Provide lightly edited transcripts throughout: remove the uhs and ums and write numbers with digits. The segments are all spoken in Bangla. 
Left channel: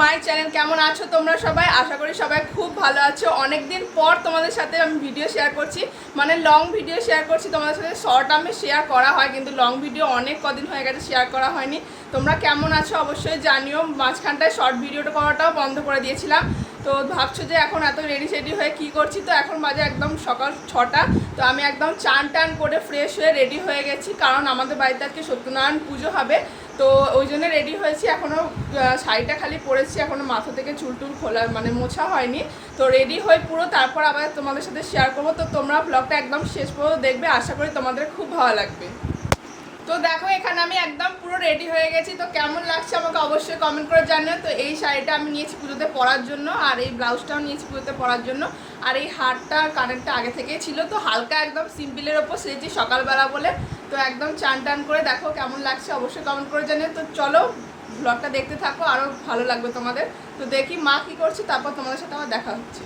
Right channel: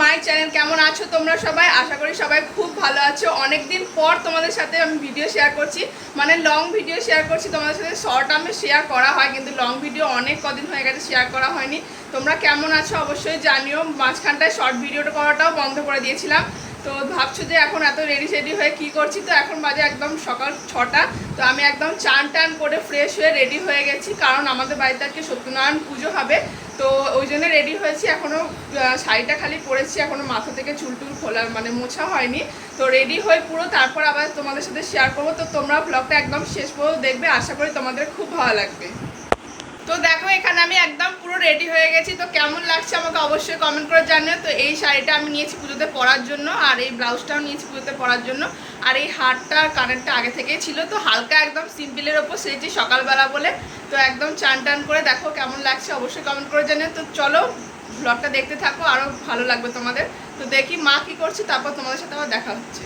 My channel. কেমন আছো তোমরা সবাই? আশা করি সবাই খুব ভালো আছো। অনেকদিন পর তোমাদের সাথে আমি ভিডিও শেয়ার করছি, মানে লং ভিডিও শেয়ার করছি। তোমাদের সাথে শর্ট আমি শেয়ার করা হয়, কিন্তু লং ভিডিও অনেক কদিন হয়ে গেছে শেয়ার করা হয়নি। তোমরা কেমন আছো অবশ্যই জানিও। মাঝখানটায় শর্ট ভিডিওটা করাটাও বন্ধ করে দিয়েছিলাম। তো ভাবছো যে এখন এত রেডি হয়ে কি করছি, তো এখন বাজে একদম সকাল 6টা। তো আমি একদম চান টান করে ফ্রেশ হয়ে রেডি হয়ে গেছি, কারণ আমাদের বাড়িতে আজকে সত্যনারায়ণ পুজো হবে। তো ওই জন্য রেডি হয়েছি। এখনও শাড়িটা খালি পরেছি, এখনও মাথা থেকে চুল টুল খোলা মানে মোছা হয়নি। তো রেডি হয়ে পুরো তারপর আবার তোমাদের সাথে শেয়ার করবো। তো তোমরা ব্লগটা একদম শেষ পর্যন্ত দেখবে, আশা করি তোমাদের খুব ভালো লাগবে। তো দেখো এখানে আমি একদম পুরো রেডি হয়ে গেছি। তো কেমন লাগছে আমাকে অবশ্যই কমেন্ট করে জানিও। তো এই শাড়িটা আমি নিয়েছি পুজোতে পরার জন্য, আর এই ব্লাউজটাও নিয়েছি পুজোতে পরার জন্য, আর এই হারটা কানেরটা আগে থেকেই ছিল। তো হালকা একদম সিম্পলের ওপর সেরেছি সকালবেলা বলে। তো একদম চান টান করে দেখো কেমন লাগছে অবশ্যই কমেন্ট করে জানিও। তো চলো ব্লগটা দেখতে থাকো, আরও ভালো লাগবে তোমাদের। তো দেখি মা কী করছে, তারপর তোমাদের সাথে আবার দেখা হচ্ছে।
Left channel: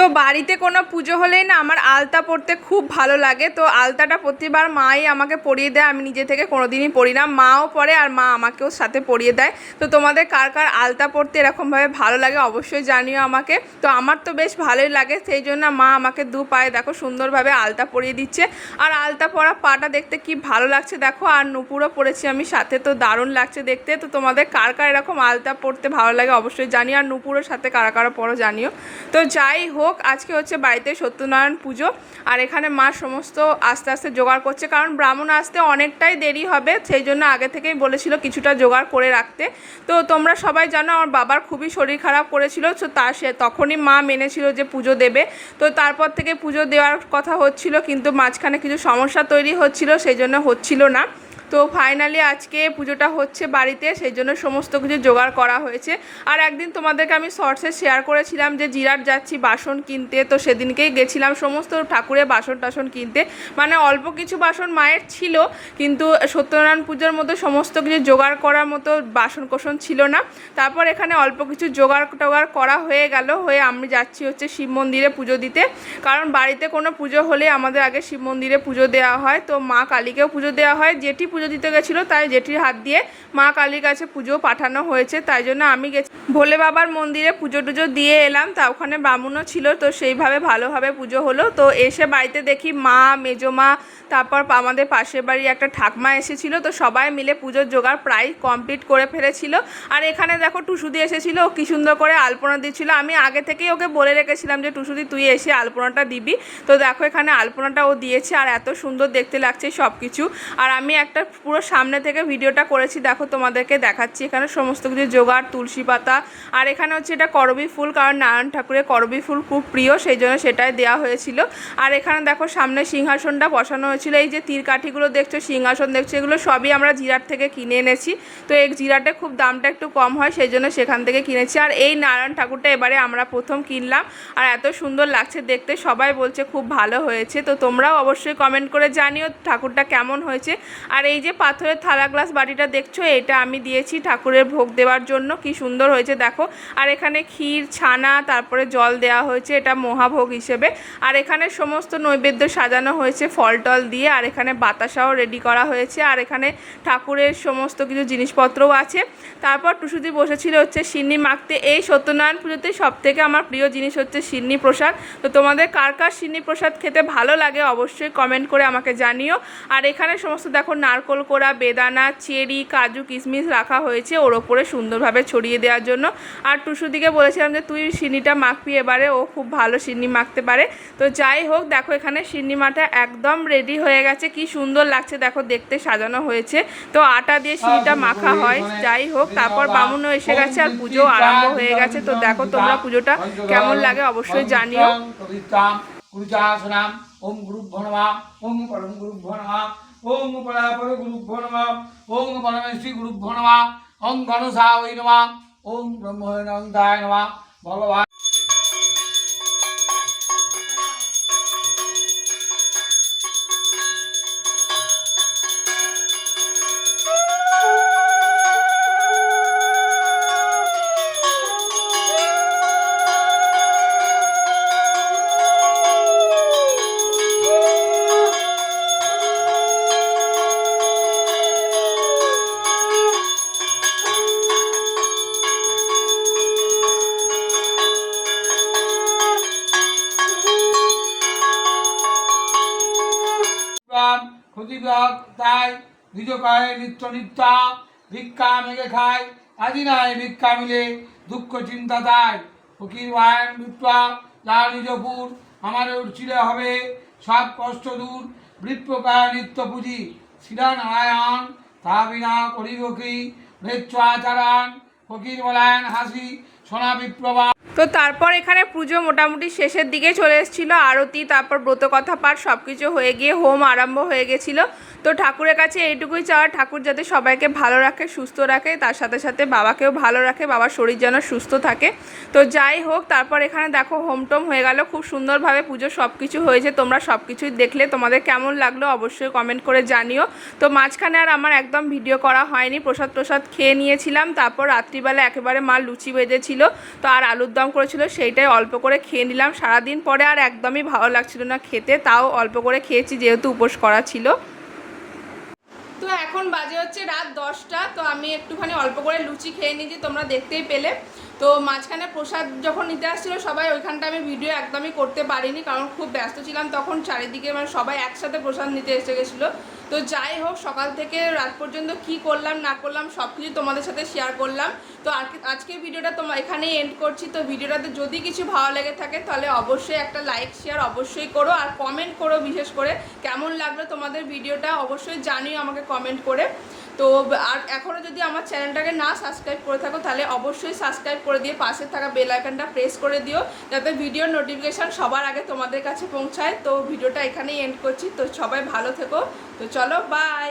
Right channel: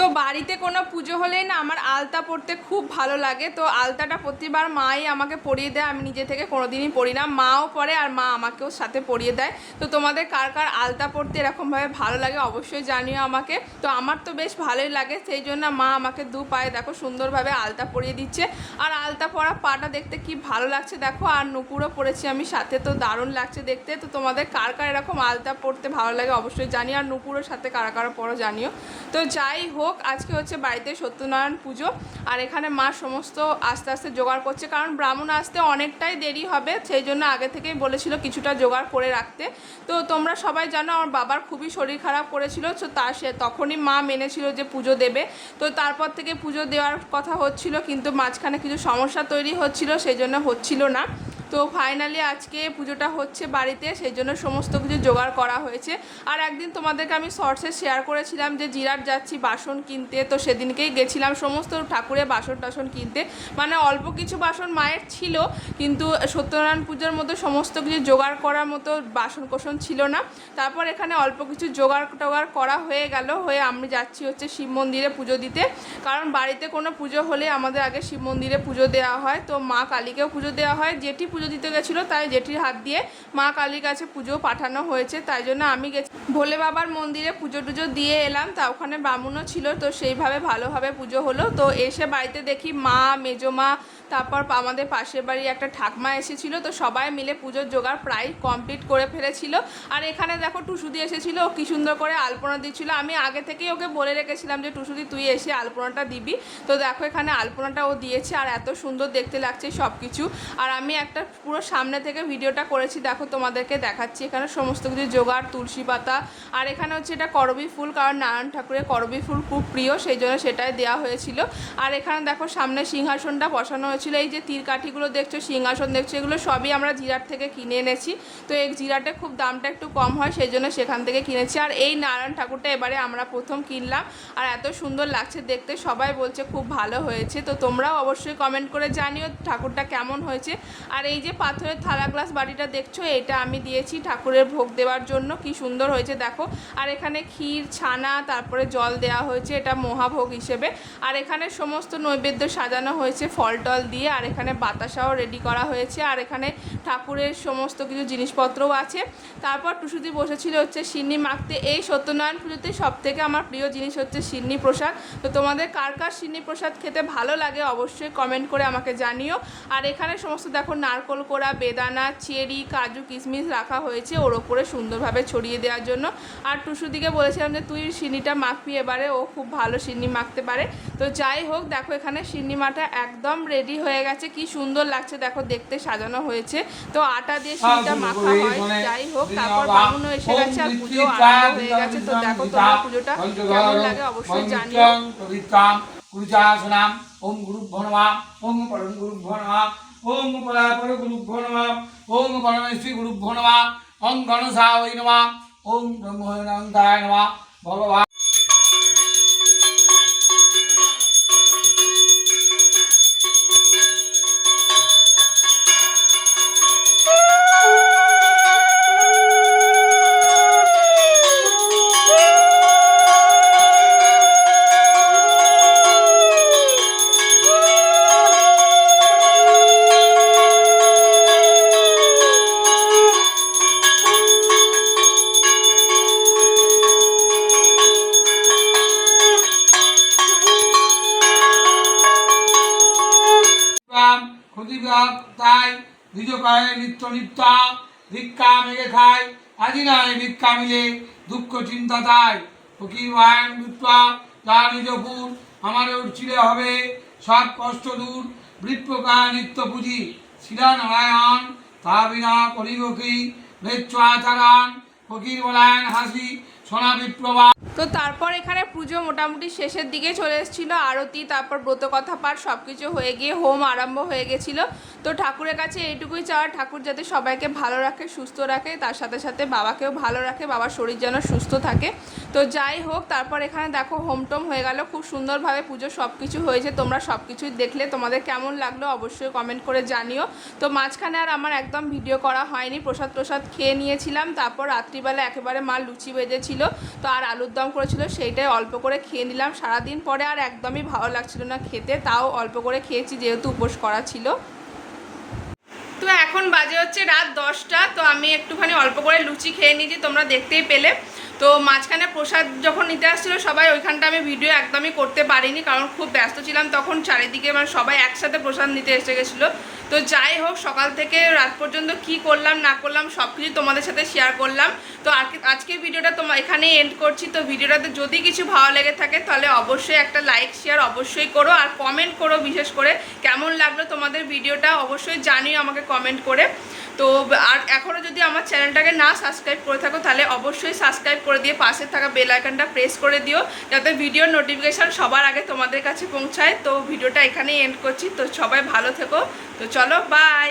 তো বাড়িতে কোনো পুজো হলেই না আমার আলতা পরতে খুব ভালো লাগে। তো আলতাটা প্রতিবার মাই আমাকে পরিয়ে দেয়, আমি নিজে থেকে কোনোদিনই পরি না। মাও পরে আর মা আমাকেও সাথে পরিয়ে দেয়। তো তোমাদের কার কার আলতা পরতে এরকমভাবে ভালো লাগে অবশ্যই জানিও আমাকে। তো আমার তো বেশ ভালোই লাগে, সেই জন্য মা আমাকে দু পায়ে দেখো সুন্দরভাবে আলতা পরিয়ে দিচ্ছে। আর আলতা পরা পাটা দেখতে কি ভালো লাগছে দেখো, আর নুপুরও পরেছি আমি সাথে, তো দারুণ লাগছে দেখতে। তো তোমাদের কার কার এরকম আলতা পরতে ভালো লাগে অবশ্যই জানিও, আর নুপুরের সাথে কারা কারা পরো জানিও। তো যাই হোক, আজকে হচ্ছে বাড়িতে সত্যনারায়ণ পুজো, আর এখানে মা সমস্ত আস্তে আস্তে জোগাড় করছে, কারণ ব্রাহ্মণ আসতে অনেকটাই দেরি হবে, সেই জন্য আগে থেকেই বলেছিল কিছুটা জোগাড় করে রাখতে। তো তোমরা সবাই জানো আমার বাবার খুবই শরীর খারাপ করেছিল, তো তখনই মা মেনেছিল যে পুজো দেবে। তো তারপর থেকে পুজো দেওয়ার কথা হচ্ছিল, কিন্তু মাঝখানে কিছু সমস্যা তৈরি হচ্ছিল, সেই জন্য হচ্ছিল না। তো ফাইনালি আজকে পুজোটা হচ্ছে বাড়িতে, সেই জন্য সমস্ত কিছু জোগাড় করা হয়েছে। আর একদিন তোমাদেরকে আমি শর্টসে শেয়ার করেছিলাম যে জিরাট যাচ্ছি বাসন কিনতে, তো সেদিনকেই গেছিলাম সমস্ত ঠাকুরের বাসন টাসন কিনতে। মানে অল্প কিছু বাসন মায়ের ছিল, কিন্তু সত্যনারায়ণ পুজোর মতো সমস্ত কিছু জোগাড় করার মতো বাসন কোসন ছিল না। তারপর এখানে অল্প কিছু জোগাড় টোগাড় করা হয়ে গেল, হয়ে আমি যাচ্ছি হচ্ছে শিব মন্দিরে পুজো দিতে। কারণ বাড়িতে কোনো পুজো হলে আমাদের আগে শিব মন্দিরে পুজো দেওয়া হয়। তো মা কালীকেও পুজো দেওয়া হয়, জেঠি পুজো দিতে গেছিলো, তাই জেঠির হাত দিয়ে মা কালীর কাছে পুজো পাঠানো হয়েছে, তাই জন্য আমি গেছি ভোলে বাবার মন্দিরে পুজো টুজো দিয়ে এলাম। তা ওখানে ব্রাহ্মণও ছিল, তো সেইভাবে ভালোভাবে পুজো হলো। তো এসে বাড়িতে দেখি মা, মেজো মা, তারপর আমাদের পাশের বাড়ির একটা ঠাকমা এসেছিল, তো সবাই মিলে পুজোর জোগাড় প্রায় কমপ্লিট করে ফেলেছিল। আর এখানে দেখো টুসুদি এসেছিলো, কি সুন্দর করে আলপনা দিচ্ছিল। আমি আগে থেকেই ওকে বলে রেখেছিলাম যে টুসুদি তুই এসে আলপনাটা দিবি। তো দেখো এখানে আলপনাটা ও দিয়েছে, আর এত সুন্দর দেখতে লাগছে সব কিছু। আর আমি একটা পুরো সামনে থেকে ভিডিওটা করেছি, দেখো তোমাদেরকে দেখাচ্ছি। এখানে সমস্ত কিছু জোগাড়, তুলসী পাতা, আর এখানে হচ্ছে এটা করবী ফুল, কারণ নারায়ণ ঠাকুরের করবী ফুল খুব প্রিয়, সেই জন্য সেটাই দেওয়া হয়েছিল। আর এখানে দেখো সামনে সিংহাসনটা বসানো হয়েছিল। এই যে তীর কাঠিগুলো দেখছো, সিংহাসন দেখছো, এগুলো সবই আমরা জিরাট থেকে কিনে এনেছি। তো এই জিরাটে খুব দামটা একটু কম হয়, সেই জন্য সেখান থেকে কিনেছি। আর এই নারায়ণ ঠাকুরটা এবারে আমরা প্রথম কিনলাম, আর এত সুন্দর লাগছে দেখতে, সবাই বলছে খুব ভালো হয়েছে। তো তোমরাও অবশ্যই কমেন্ট করে জানিও ঠাকুরটা কেমন হয়েছে। আর এই যে পাথরের থালা গ্লাস বাটিটা দেখছো, এটা আমি দিয়েছি ঠাকুরের ভোগ দেওয়ার জন্য, কি সুন্দর হয়েছে দেখো। আর এখানে ক্ষীর, ছানা, তারপরে জল দেওয়া হয়েছে, এটা মহাভোগ হিসেবে। আর এখানে সমস্ত নৈবেদ্য সাজানো হয়েছে ফল টল দিয়ে, আর এখানে বাতাসাও রেডি করা হয়েছে, আর এখানে ঠাকুরের সমস্ত কিছু জিনিসপত্রও আছে। তারপর টুসুদি বসেছিল হচ্ছে সিন্নি মাখতে। এই সত্যনারায়ণ পুজোতে সবথেকে আমার প্রিয় জিনিস হচ্ছে সিন্নি প্রসাদ। তো তোমাদের কার কার সিন্নি প্রসাদ খেতে ভালো লাগে অবশ্যই কমেন্ট করে আমাকে জানিও। আর এখানে সমস্ত দেখো নারকোল কোড়া, বেদানা, চেরি, কাজু, কিশমিশ রাখা হয়েছে ওর ওপরে সুন্দরভাবে ছড়িয়ে দেওয়ার জন্য। আর টুসুদিকে বলেছিলাম যে তুই সিন্নিটা মাখবি এবারে, ও খুব ভালো সিন্নি মাখতে পারে। তো যাই হোক, দেখো এখানে সিন্নি মাঠা একদম রেডি হয়ে গেছে, কি সুন্দর লাগছে দেখো দেখতে সাজানো হয়েছে। তো আটা দিয়ে সিন্নিটা মাখা হয়। যাই হোক, তারপর বামুনও এসে গেছে, আর পুজো আরম্ভ হয়ে গেছে। তো দেখো তোমরা পুজোটা কেমন লাগে অবশ্যই জানিও। ওম গুরুভ্যো নমঃ, ওম পরম গুরুভ্যো নমঃ, ওম পরাপর গুরুভ্যো নমঃ, ওম পরমেশ্বরী গুরুভ্যো নমঃ, ওম গণেশায় নমঃ, ওম ব্রহ্মানন্দায় নমঃ। ভগবান ক্ষতিবিভাগ তাই নিজ কয়ে নিত্য নিত্যা ভিক্ষা মেঘে খায় আজি নয় ভিক্ষা মিলে দুঃখ চিন্তা তাই ফকির বায়ন বিপ্লা যা নিজপুর আমার উঠছিলে হবে সব কষ্ট দূর বৃত্তকায় নিত্য পুঁজি শিরা নারায়ণ তা বিনা করিব কি ভেচ্ছ আচারান ফকির বলায়ন হাসি সোনা বিপ্লবা। তো তারপর এখানে পুজো মোটামুটি শেষের দিকে চলে এসেছিলো, আরতি, তারপর ব্রতকথা পাঠ সব কিছু হয়ে গিয়ে হোম আরম্ভ হয়ে গেছিলো। তো ঠাকুরের কাছে এইটুকুই চাওয়া, ঠাকুর যাতে সবাইকে ভালো রাখে, সুস্থ রাখে, তার সাথে সাথে বাবাকেও ভালো রাখে, বাবার শরীর যেন সুস্থ থাকে। তো যাই হোক, তারপর এখানে দেখো হোম টোম হয়ে গেল, খুব সুন্দরভাবে পুজো সব কিছু হয়েছে। তোমরা সব কিছুই দেখলে, তোমাদের কেমন লাগলো অবশ্যই কমেন্ট করে জানিও। তো মাঝখানে আর আমার একদম ভিডিও করা হয়নি, প্রসাদ খেয়ে নিয়েছিলাম। তারপর রাত্রিবেলা একেবারে মা লুচি বেজেছিল, তো আর আলুর দম করেছিল, সেইটাই অল্প করে খেয়ে নিলাম। সারাদিন পরে আর একদমই ভালো লাগছিল না খেতে, তাও অল্প করে খেয়েছি যেহেতু উপোস করা ছিল। তো এখন বাজে হচ্ছে রাত 10টা। তো আমি একটুখানি অল্প করে লুচি খেয়ে নিয়েছি, তোমরা দেখতেই পেলে। তো মাঝখানে প্রসাদ যখন নিতে আসছিলো সবাই, ওইখানটা আমি ভিডিও একদমই করতে পারিনি, কারণ খুব ব্যস্ত ছিলাম তখন, চারিদিকে মানে সবাই একসাথে প্রসাদ নিতে এসে গেছিলো। তো যাই হোক, সকাল থেকে রাত পর্যন্ত কি করলাম না করলাম সব কিছু তোমাদের সাথে শেয়ার করলাম। তো আজকের ভিডিওটা এখানেই এন্ড করছি। তো ভিডিওটাতে যদি কিছু ভালো লেগে থাকে তাহলে অবশ্যই একটা লাইক শেয়ার অবশ্যই করো, আর কমেন্ট করো, বিশেষ করে কেমন লাগলো তোমাদের ভিডিওটা অবশ্যই জানিও আমাকে কমেন্ট করে। তো আর এখনও যদি আমার চ্যানেলটাকে না সাবস্ক্রাইব করে থাকো তাহলে অবশ্যই সাবস্ক্রাইব করে দিয়ে পাশে থাকা বেল আইকনটা প্রেস করে দিও, যাতে ভিডিওর নোটিফিকেশান সবার আগে তোমাদের কাছে পৌঁছায়। তো ভিডিওটা এখানেই এন্ড করছি। তো সবাই ভালো থেকো। তো চলো, বাই।